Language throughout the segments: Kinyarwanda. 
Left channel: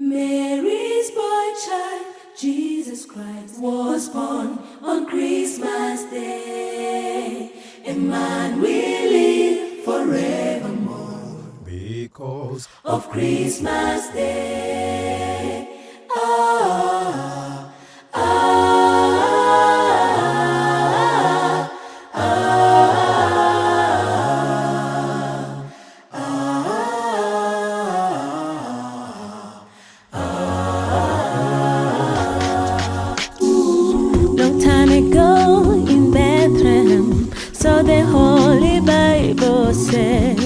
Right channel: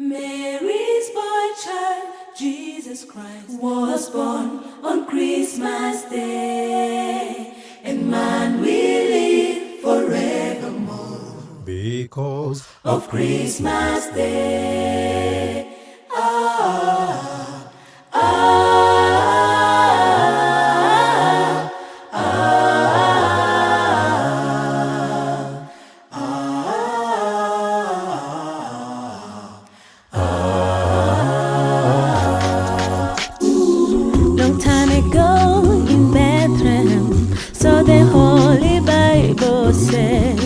Mary's boy child, Jesus Christ, was born on Christmas Day, and man will live forevermore because of Christmas Day. Ah, ah, ah, Long time ago in Bethlehem, so the Holy Bible said,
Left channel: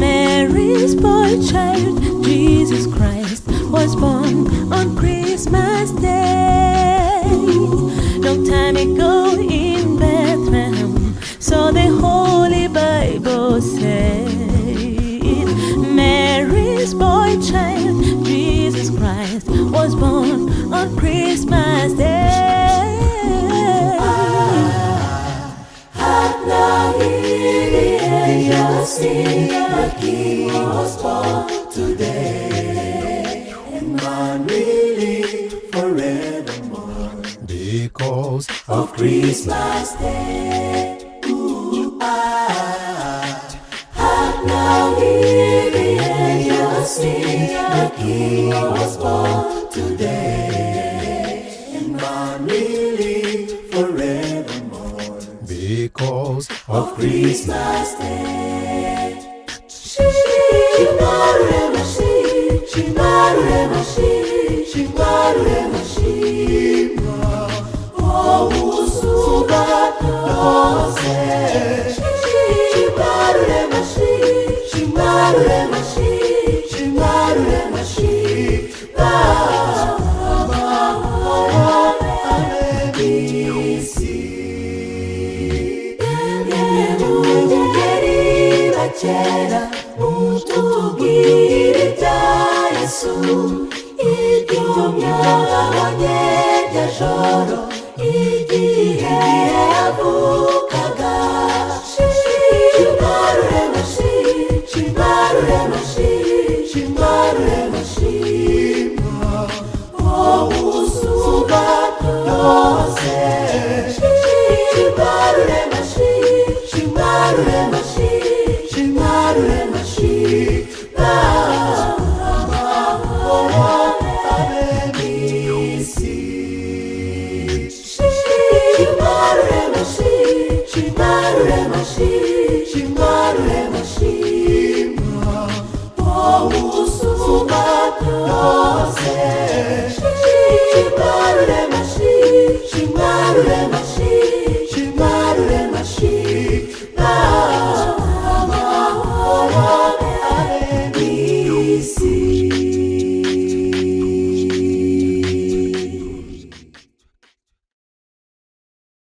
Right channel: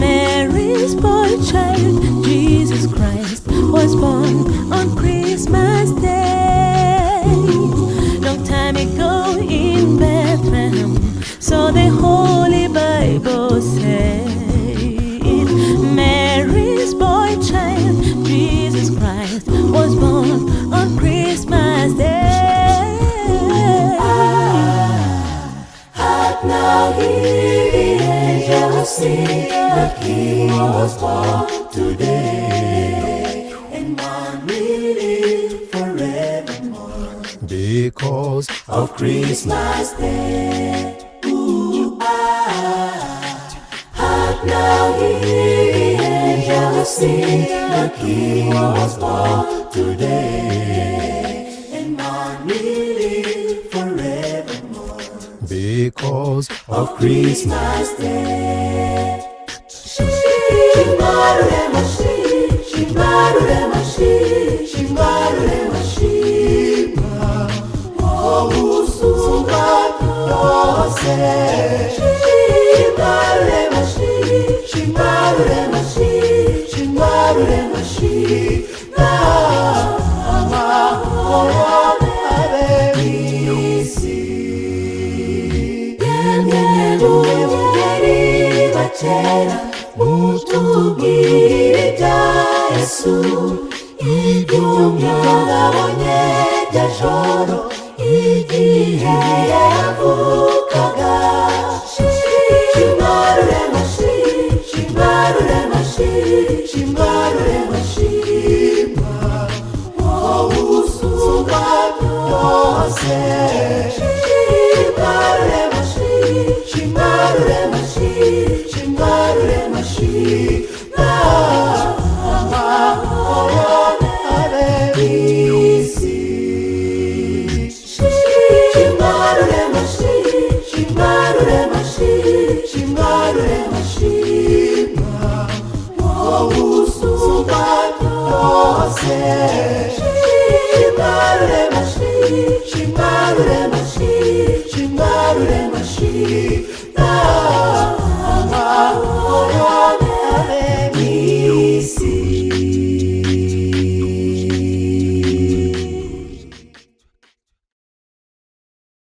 Mary's boy child, Jesus Christ, was born on Christmas Day. Long time ago in Bethlehem, so the Holy Bible said, Mary's boy child, Jesus Christ, was born on Christmas Day. Hark now, hear the angels sing, the King was born today, and man will live forevermore because of Christmas Day. Ooh, ah. Hark now, hear the angels sing, the King was born today, and man will live forevermore because of Christmas Day. Shima, rurema, shima, rurema, shima, wowe, usuba, byose. Shima, rurema, mwisi. Yemwe, bungeri, bakera, mutubwire ibya Yesu, ibyo, mwabonye, ryajoro, igihe yavukaga. Shima, rurema, wowe, usuba, byose. Shima, rurema, amahoro, mwisi. Shima, rurema, wowe, usuba, byose.